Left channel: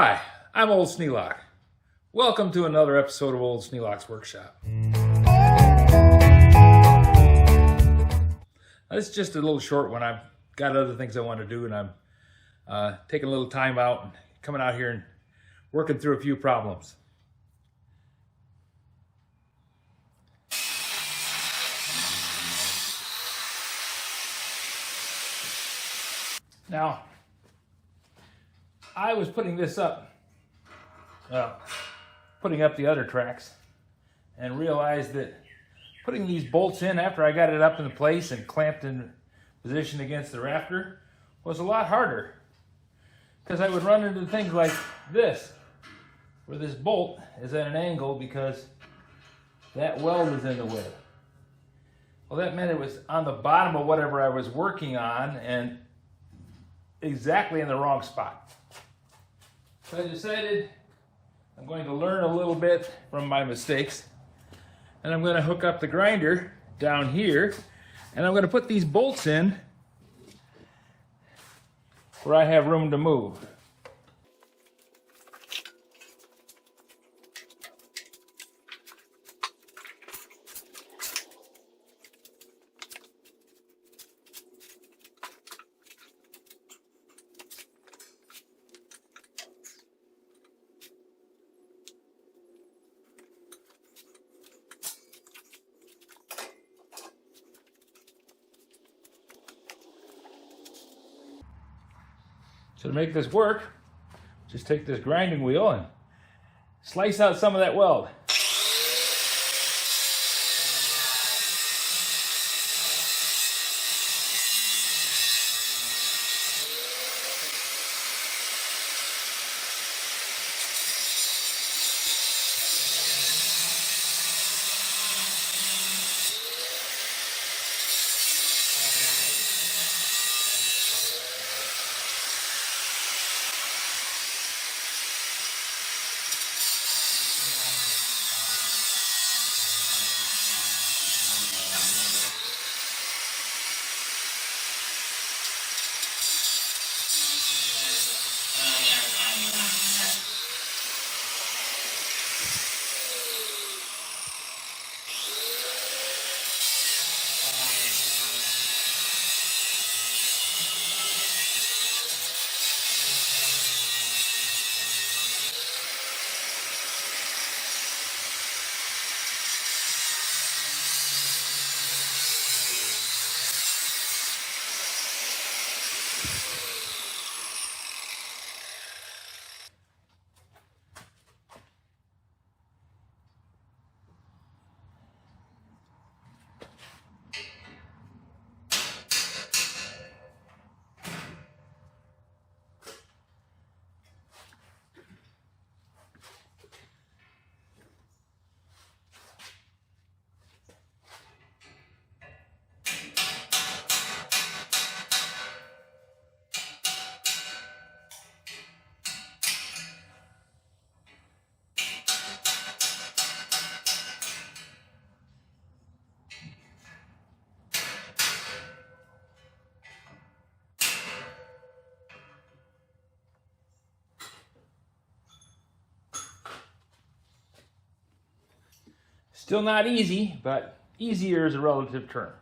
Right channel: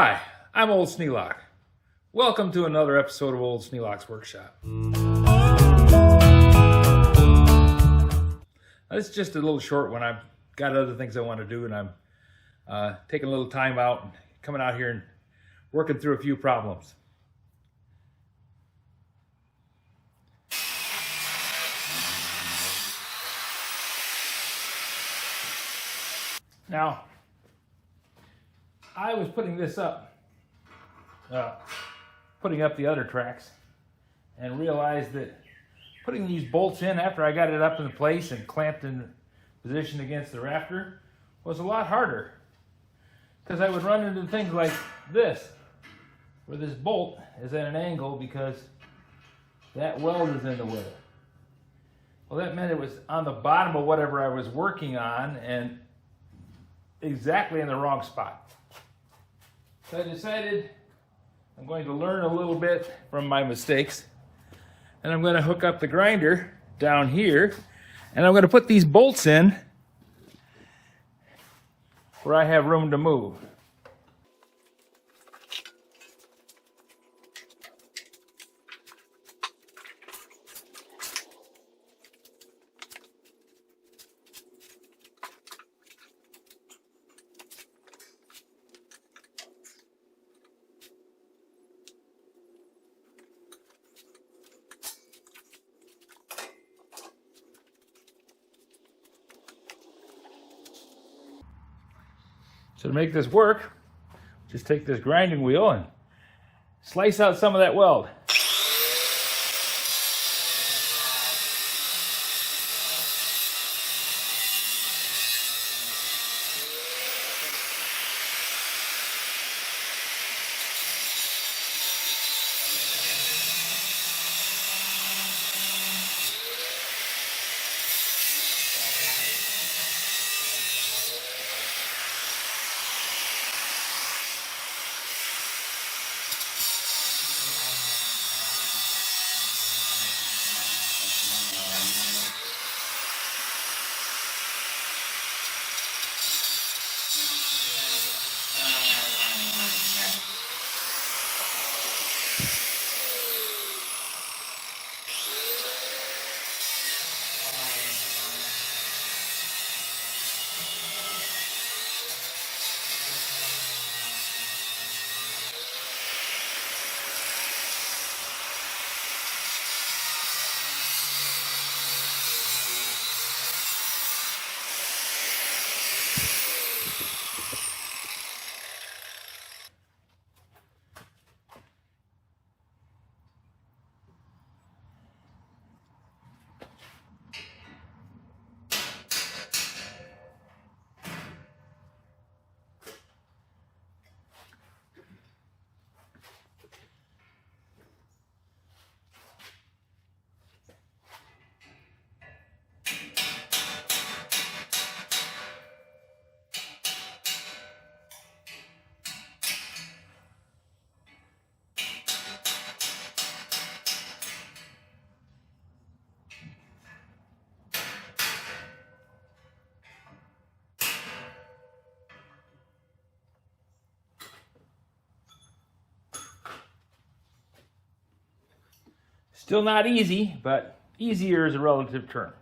Hi, I'm Old Sneelock. Welcome to another episode of Old Sneelock's Workshop. Now, this is just a little short one. I've got other things I want to do, and I'm taking a little time out and coming out here and working through a few problems. Now, I was putting this up, putting up the other tracks, and realized that putting these bolts in after I got it up in place and clamped in position against the rafter was a lot harder, because I would run into things like this, where this bolt is at an angle because that weld is in the way. Well, that meant it was on the bottom of whatever I was working on and exactly in the wrong spot. So I decided I'm going to learn a little bit from my mistakes, and I'm going to hook up the grinder down here, and I'm going to put these bolts in where I have room to move. So to make this work, just take this grinding wheel and slice out some of that weld. Still not easy, but easier is a relative term.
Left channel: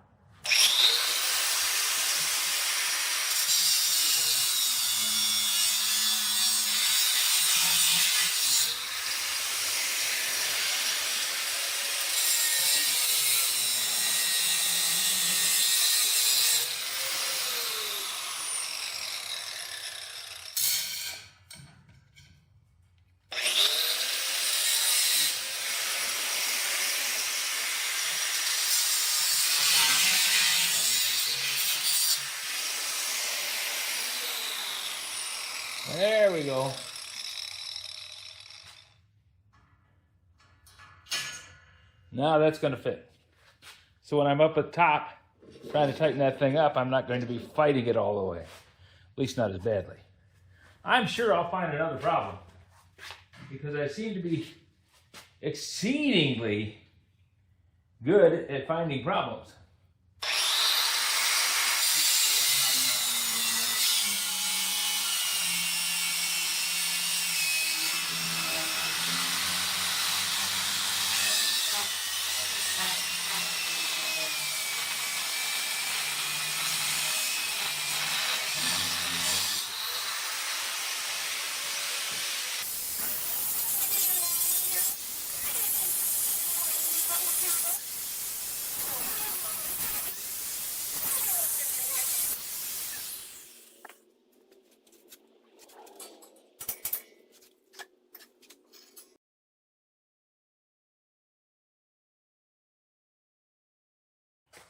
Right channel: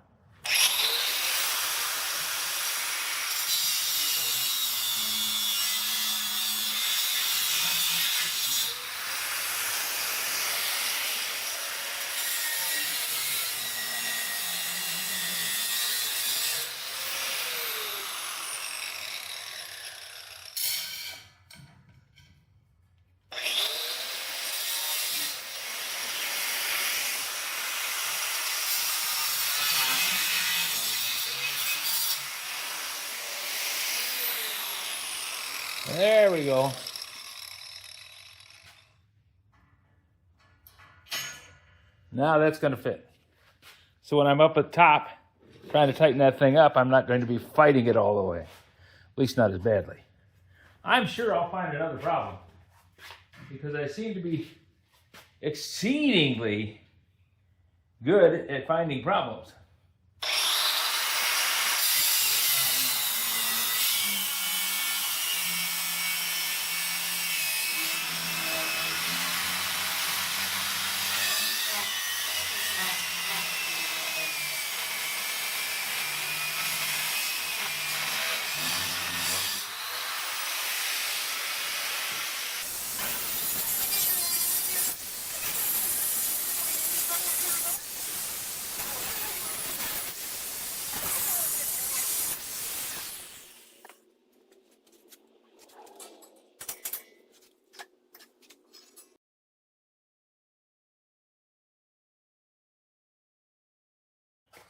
There we go. Now that's going to fit. So when I'm up at top trying to tighten that thing up, I'm not going to be fighting it all the way. At least not as badly. I'm sure I'll find another problem, because I seem to be exceedingly good at finding problems.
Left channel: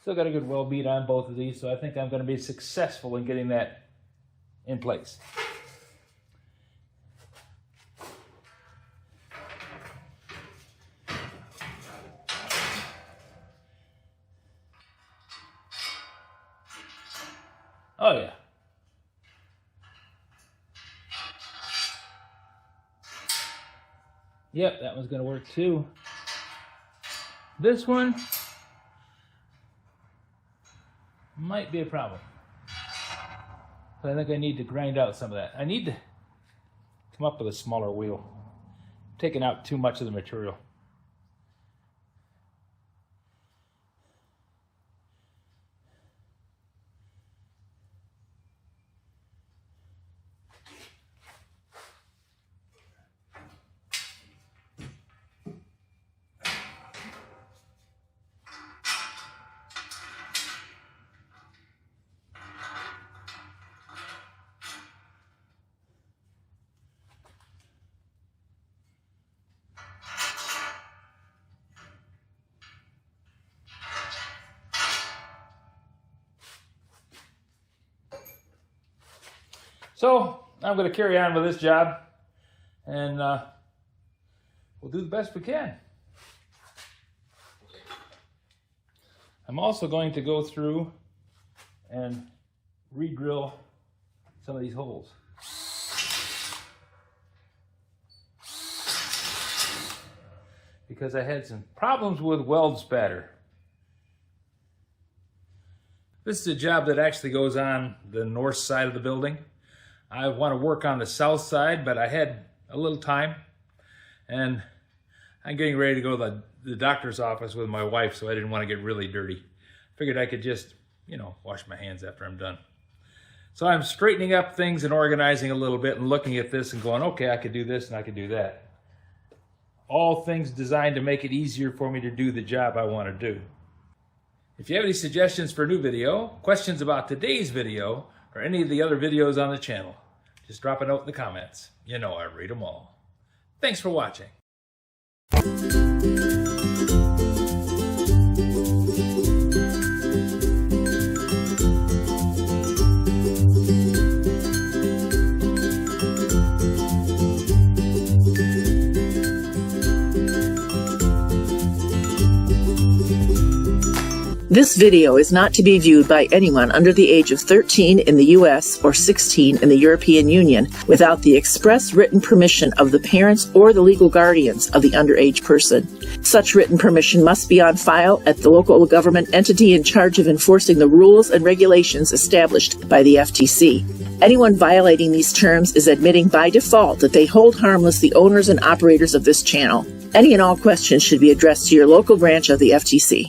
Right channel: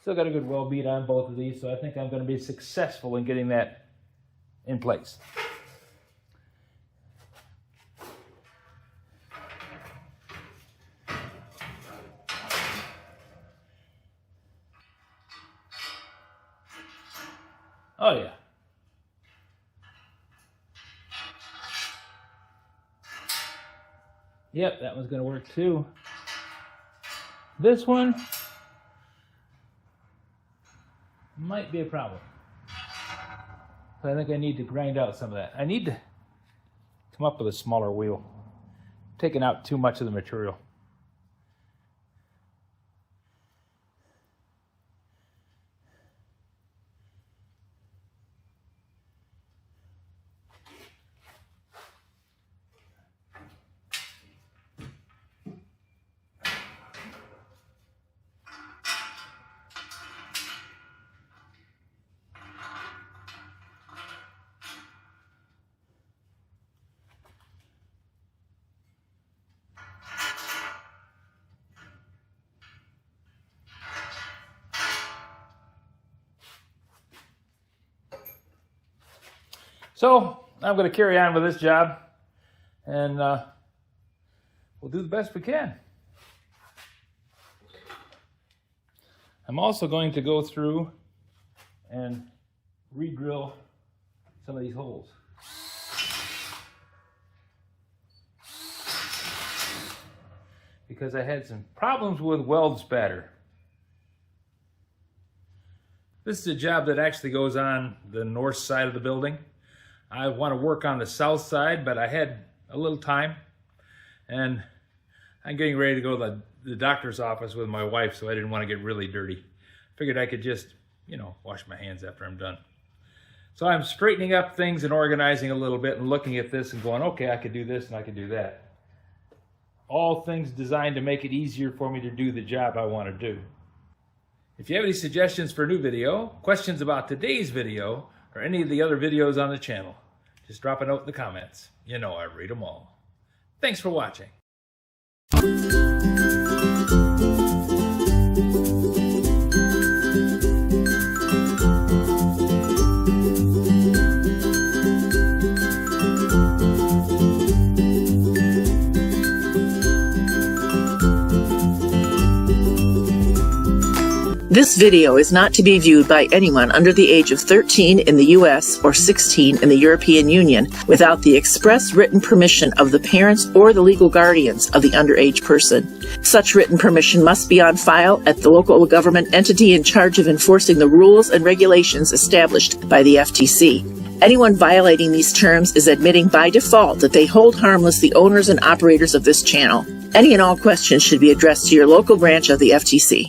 Still got a good weld bead on both of these, so I think I'm going to be successful in getting that in place. Oh yeah. Yep, that one's going to work too. This one might be a problem. So I think I need to grind out some of that. I need to come up with a smaller wheel. I'm taking out too much of the material. So I'm going to carry on with this job, and we'll do the best we can. I'm also going to go through and re-drill some of these holes. Because I had some problems with weld spatter. This is a job that actually goes on the north side of the building. I want to work on the south side, but I had a little time, and I'm getting ready to go to the doctor's office with my wife, so I didn't want to get really dirty. Figured I could just, wash my hands after I'm done. So I'm straightening up things and organizing a little bit and looking at this and going, okay, I could do this and I could do that. All things designed to make it easier for me to do the job I want to do. If you have any suggestions for a new video, questions about today's video, or any of the other videos on the channel, just drop a note in the comments. You know I read them all. Thanks for watching. This video is not to be viewed by anyone under the age of 13 in the U.S. or 16 in the European Union without the express written permission of the parents or the legal guardians of the underage person. Such written permission must be on file at the local government entity in charge of enforcing the rules and regulations established by the FTC. Anyone violating these terms is admitting by default that they hold harmless the owners and operators of this channel. Any and all questions should be addressed to your local branch of the FTC.